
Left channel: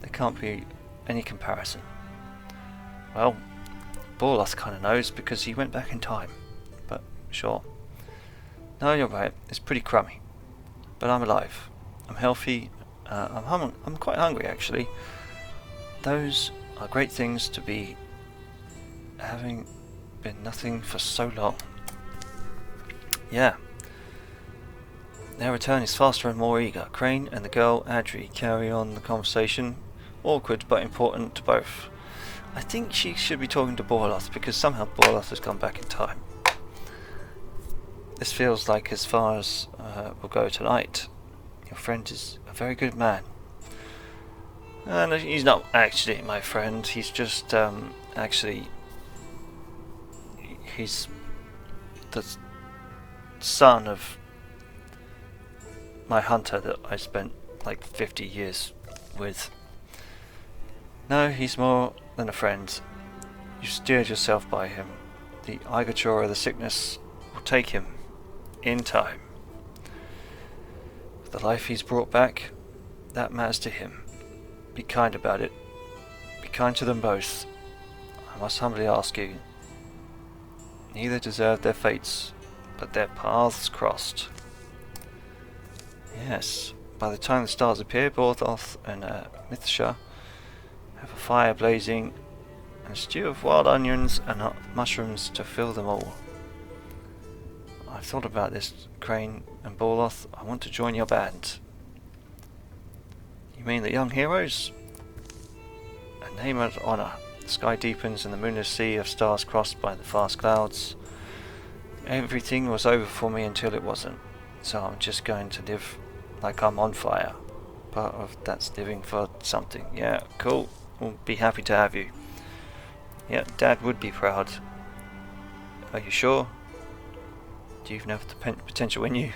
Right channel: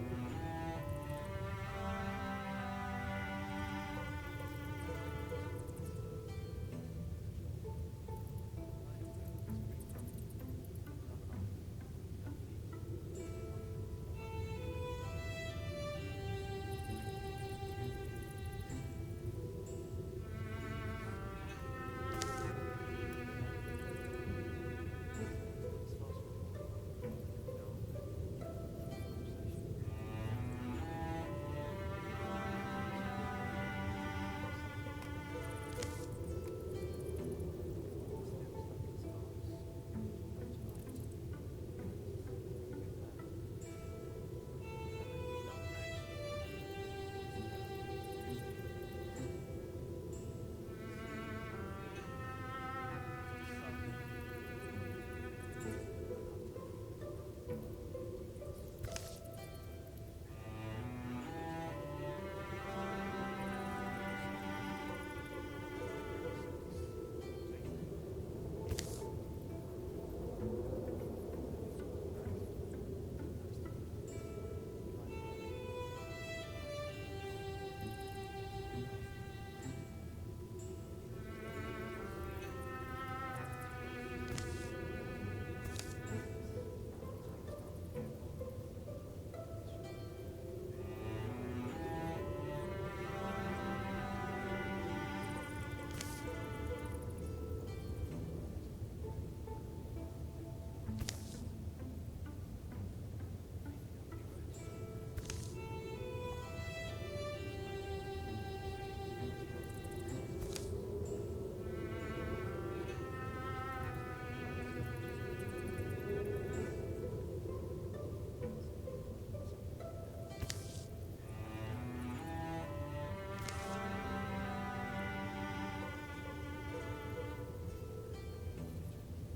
there can't be any comparison. Well, Borloth kind of knows because he went back in time, but sure. No, you're right, it's pretty crummy, but I'm alive, I'm healthy, I'm quite hungry actually. Those are great things to be, having been nothing for so long. Yeah. Their return is faster and more eager. Crane and the girl Adri carry on the conversation, awkward but important to both. I think she should be talking to Borloth because somehow Borloth has gone back in time. This feels like as far as we'll go tonight. Your friend is a very good man. No, he's not actually my friend. He's just actually he's the son of my hunter that I spent like 50 years with. No, he's more than a friend. You steered yourself by him. The Igator of the sickness will take him in time. The life he's brought back, that matters to him. Be kind about it. Be kind to them both. I must humbly ask you. Neither deserved their fates, but their paths crossed. Yes, by the time the stars appear, Borloth and Mithsha have a fire blazing, and a stew of wild onions and mushrooms to fill them all. I've thought about this, Crane and Borloth. I want to join your band. You mean the young heroes? A name of honor. The sky deepens and the moonless sea of stars crossed by the vast clouds. Everything was over for me until it wasn't. So I'm just going to live like I'm on fire. Part of that's living for something. Yeah, cool. We'll be happy to have you. Yeah, Dad would be proud. Are you sure? Do you even have the potential in you?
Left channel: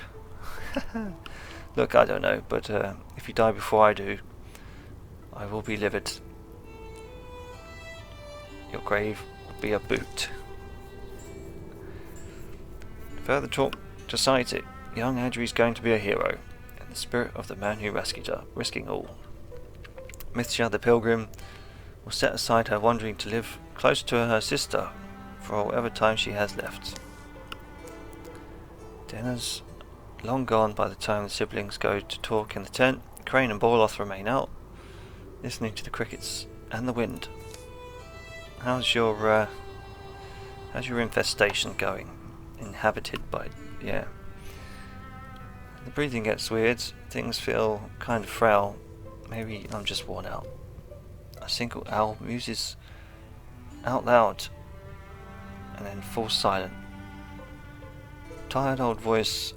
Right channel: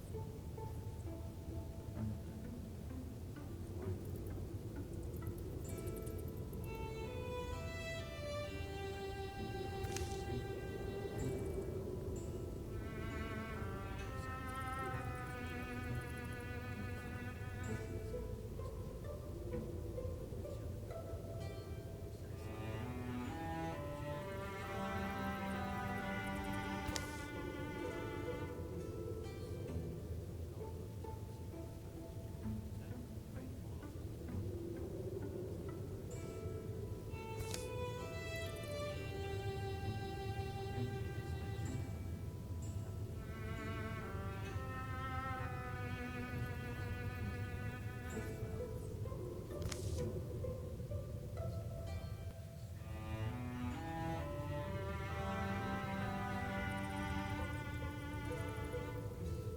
Look, I don't know, but if you die before I do, I will be livid. Your grave will be a boot. Further talk decides it. Young Adri's going to be a hero, in the spirit of the man who rescued her, risking all. Mithsha the pilgrim will set aside her wandering to live close to her sister for whatever time she has left. Dinner's long gone by the time the siblings go to talk in the tent. Crane and Borloth remain out, listening to the crickets and the wind. How's your infestation going? Inhabited by, yeah. The breathing gets weird, things feel kind of frail. Maybe I'm just worn out. A single owl muses out loud and then falls silent. Tired old voice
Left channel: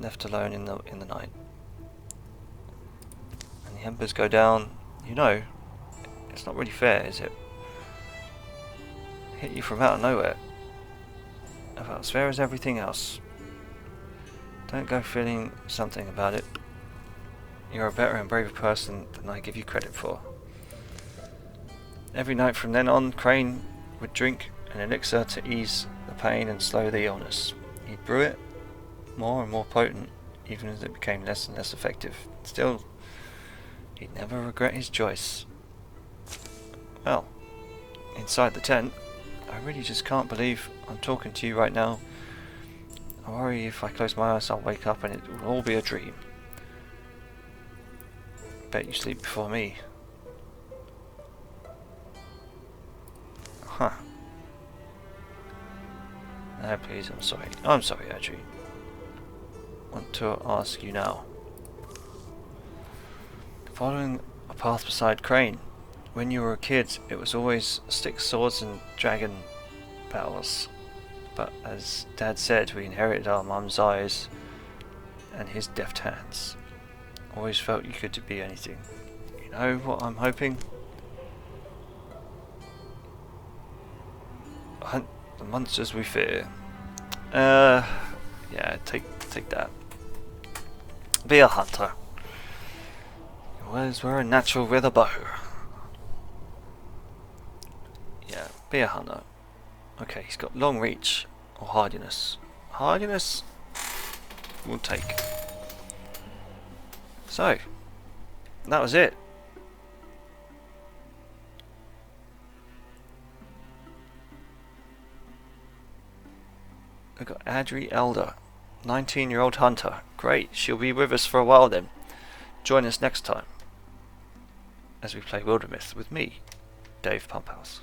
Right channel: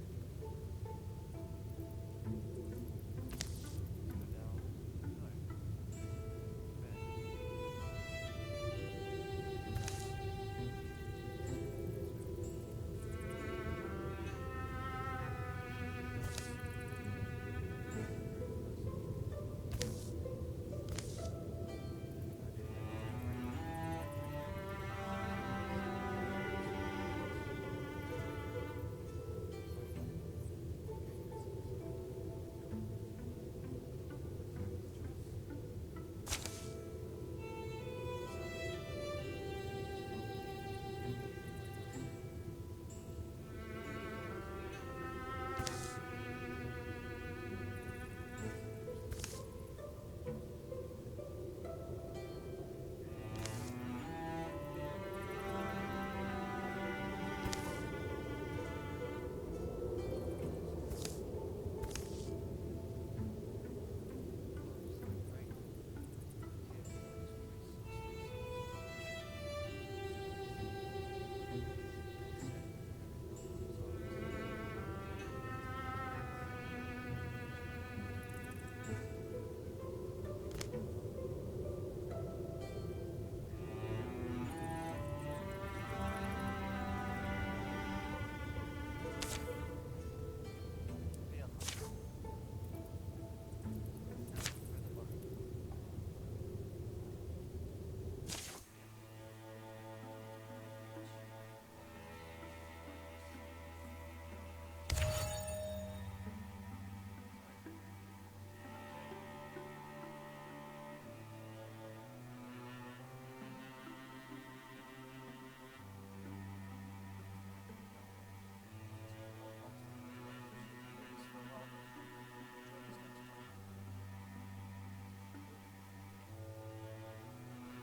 left alone in the night. And the embers go down. You know, it's not really fair, is it? Hit you from out of nowhere. About as fair as everything else. Don't go feeling something about it. You're a better and braver person than I give you credit for. Every night from then on, Crane would drink an elixir to ease the pain and slow the illness. He'd brew it more and more potent, even as it became less and less effective. Still, he'd never regret his choice. Well, inside the tent, I really just can't believe I'm talking to you right now. I worry if I close my eyes I'll wake up and it will all be a dream. Bet you sleep before me. Huh. No, please, I'm sorry. I'm sorry, Audrey. Want to ask you now. Following a path beside Crane. When you were a kid, it was always sticks, swords and dragon battles. But as Dad said, we inherited our mum's eyes and his deft hands. Always felt you could be anything. You know what I'm hoping? Hunt the monsters we fear. Yeah, take that. Be a hunter. Your words were a natural with a bow. Yeah, be a hunter. Okay, he's got long reach or hardiness. Hardiness we'll take. So, that was it. We've got Adri Elder, 19-year-old hunter. Great, she'll be with us for a while then. Join us next time as we play Wildermyth with me, Dave Pumphouse.